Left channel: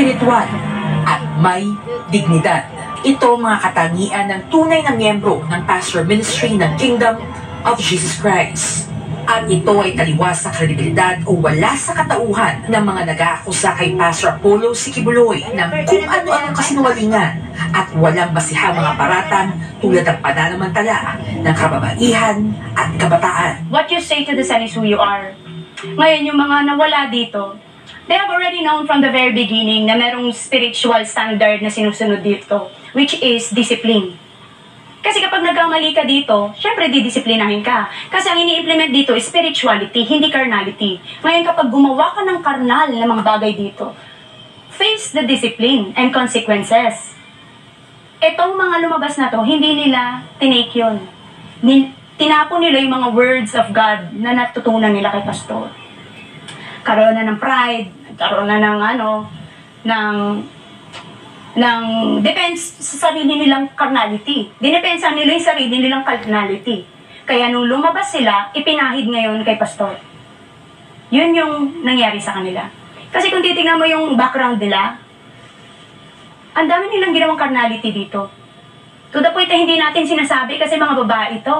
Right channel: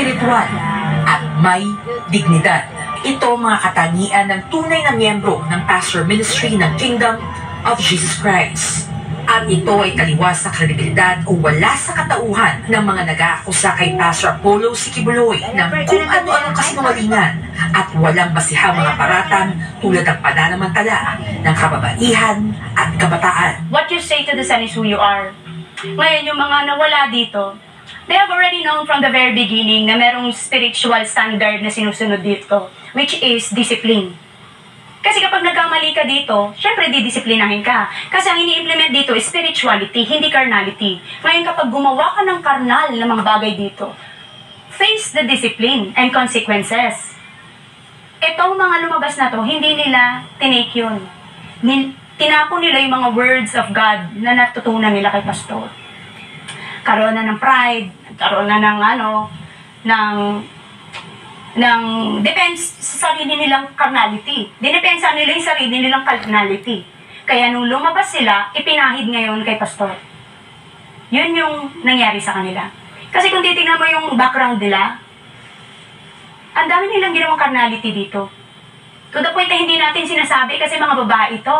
espiritual at may dignidad. Ito mga katangian ng tunay na miyembro ng pastor ministry ng Kingdom of Jesus Christ. At ito ay taliwas sa kredibilidad o wala sa katauhan ng mga nag-aakusa kay Pastor Apollo Sikibuloy ng kung ano-anong kasinungalingan at walang basihang mga paratang tulad ng pananamantala ng kababaihan at kabataan. What you say to the sun is who you are. Ngayon, yung mga nawala dito, they have already known from the very beginning na merong spiritual standard na sinusunod dito, which is discipline. Kasi kapag nagkamali ka dito, syempre didisiplinahin ka. Kasi ang ini-implement dito is spirituality, hindi carnality. Ngayon kapag gumawa ka ng carnal na mga bagay dito, face the discipline and consequences. Itong mga lumabas na to, hindi nila tinake yun. Tinapon nila yung mga words of God na natutunan nila kay pastor. Karoon na ng pride, karoon na ng depends sa sarili nilang carnality. Dinepensa nila yung sarili nilang carnality. Kaya nung lumabas sila, ipinahid ngayon kay pastor. Yun yung nangyari sa kanila. Kasi kung titingnan mo yung background nila, ang dami nilang ginawang carnality dito. To the point na hindi natin sinasabi kasi mga babae ito.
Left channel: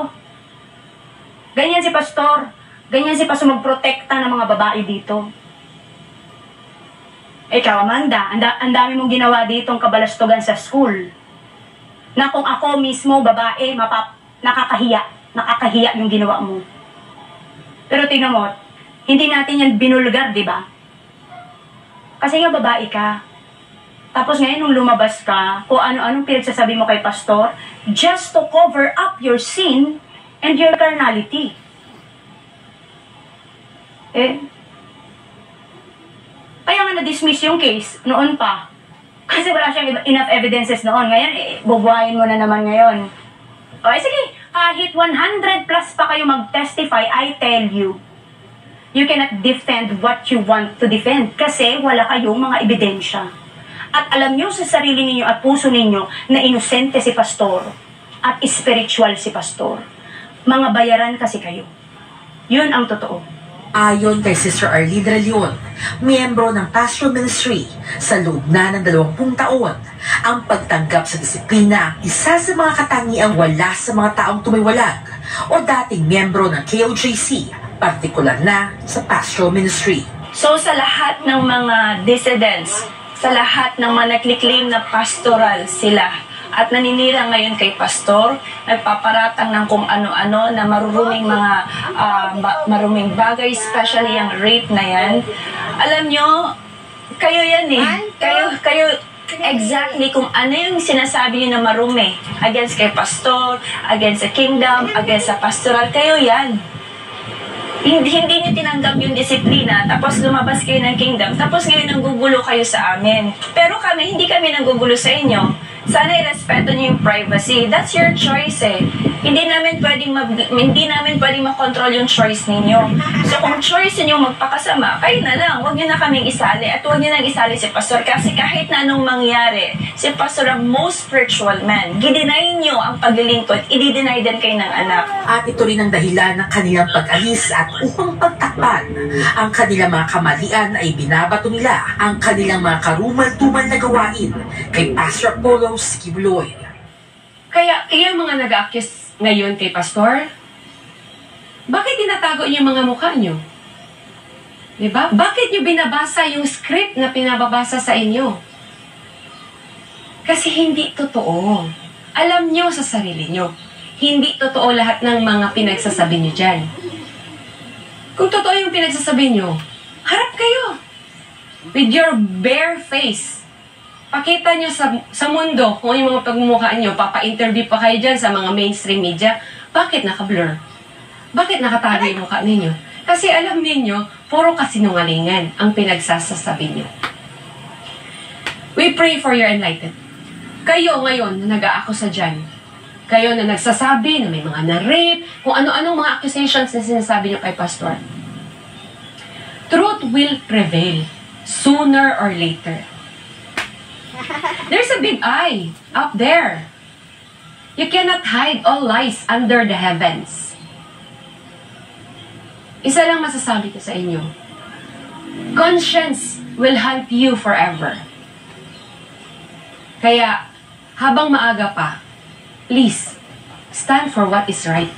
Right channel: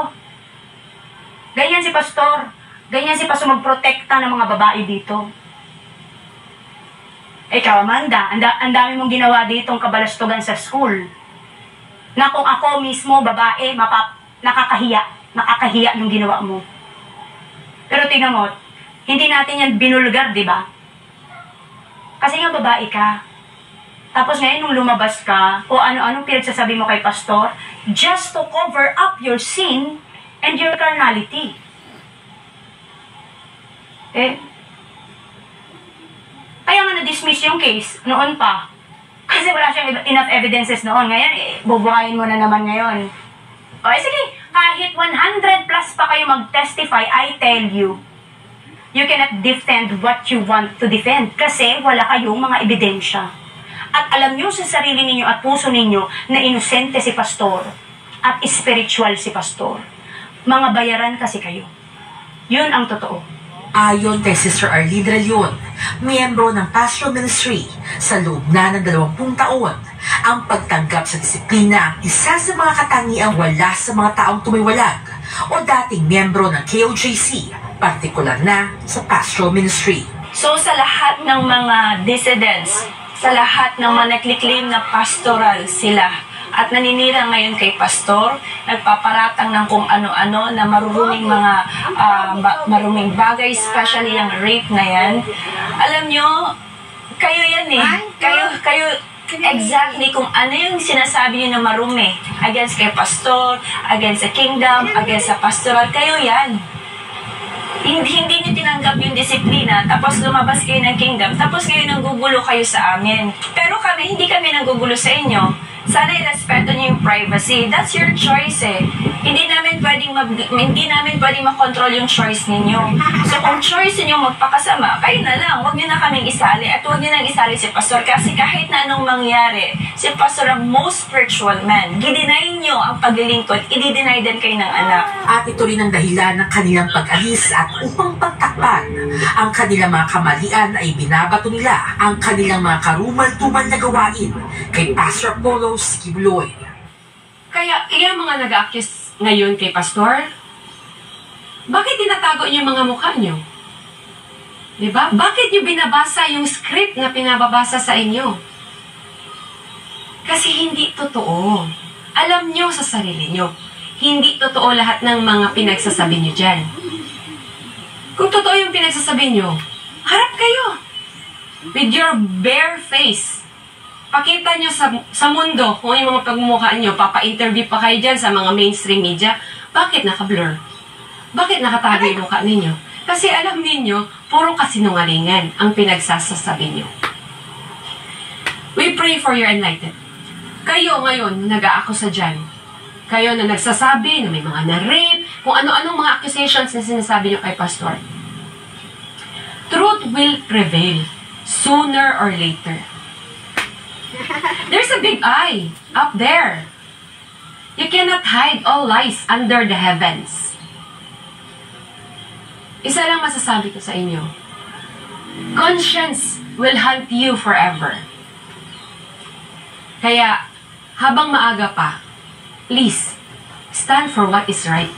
Ganyan si pastor. Ganyan si pastor magprotekta ng mga babae dito. Ikaw, Amanda, ang dami mong ginawa ditong kabalastugan sa school. Na kung ako mismo, babae, nakakahiya yung ginawa mo. Pero tingnan mo, hindi natin yan binulgar, di ba? Kasi nga babae ka. Tapos ngayon, nung lumabas ka, kung ano-anong pinagsasabi mo kay pastor, just to cover up your sin and your carnality. Kaya nga na-dismiss yung case noon pa. Kasi wala siyang enough evidences noon. Ngayon, bubuhayin mo na naman ngayon. O, sige, kahit 100 plus pa kayo mag-testify, I tell you, you cannot defend what you want to defend. Kasi wala kayong mga ebidensya. At alam nyo sa sarili ninyo at puso ninyo na inosente si pastor at spiritual si pastor. Mga bayaran kasi kayo. Yun ang totoo. Ayon kay Sister Arlene de Leon, miyembro ng pastoral ministry sa loob na ng 20 taon, ang pagtanggap sa disiplina isa sa mga katangiang wala sa mga taong tumiwalag o dating miyembro ng KOJC, partikular na sa pastoral ministry. So sa lahat ng mga dissidents, sa lahat ng mga nagkiklaim na pastoral sila, at naninira ngayon kay pastor, nagpaparatang ng kung ano-ano na maruruming mga maruming bagay, especially yung rape na yan. Alam nyo, kayo yan eh. Kayo exactly kung ano yung sinasabi nyo na marumi against kay pastor, against sa kingdom, against sa pastoral, kayo yan. Hindi nyo tinanggap yung disiplina, tapos lumabas kayo ng kingdom, tapos kayo nanggugulo kayo sa amin. Pero hindi kami nanggugulo sa inyo. Sana irespeto niyo yung privacy. That's your choice eh. Hindi namin pwedeng makontrol yung choice ninyo. So kung choice niyo magpakasama, kayo na lang. Huwag niyo na kaming isali. At huwag niyo nang isali si pastor. Kasi kahit na anong mangyari, si pastor ang most spiritual man. Gidinay niyo ang paglilingkod, i-deny din kayo ng anak. At ito rin ang dahilan ng kanilang pag-alis at upang pagtakpan ang kanilang mga kamalian ay binabato nila ang kanilang mga karumal-tumal na gawain kay Pastor Apollo Sikibuloy. Kaya, yung mga nag-accuse ngayon kay pastor, bakit tinatago niyo yung mga mukha niyo? Diba? Bakit niyo binabasa yung script na pinababasa sa inyo? Kasi hindi totoo. Alam niyo sa sarili niyo, hindi totoo lahat ng mga pinagsasabi niyo dyan. Kung totoo yung pinagsasabi niyo, harap kayo. With your bare face. Pakita nyo sa mundo kung yung mga pagmumukha nyo, papa-interview pa kayo dyan sa mga mainstream media, bakit naka-blur? Bakit nakatago yung mukha ninyo? Kasi alam ninyo, puro kasinungalingan ang pinagsasasabi nyo. We pray for your enlightenment. Kayo ngayon na nag-aakusa dyan, kayo na nagsasabi na may mga na-rape, kung ano-anong mga accusations na sinasabi nyo kay pastor. Truth will prevail sooner or later. There's a big eye up there. You cannot hide all lies under the heavens. Isa lang masasabi ko sa inyo. Conscience will hunt you forever. Kaya, habang maaga pa, please, stand for what is right.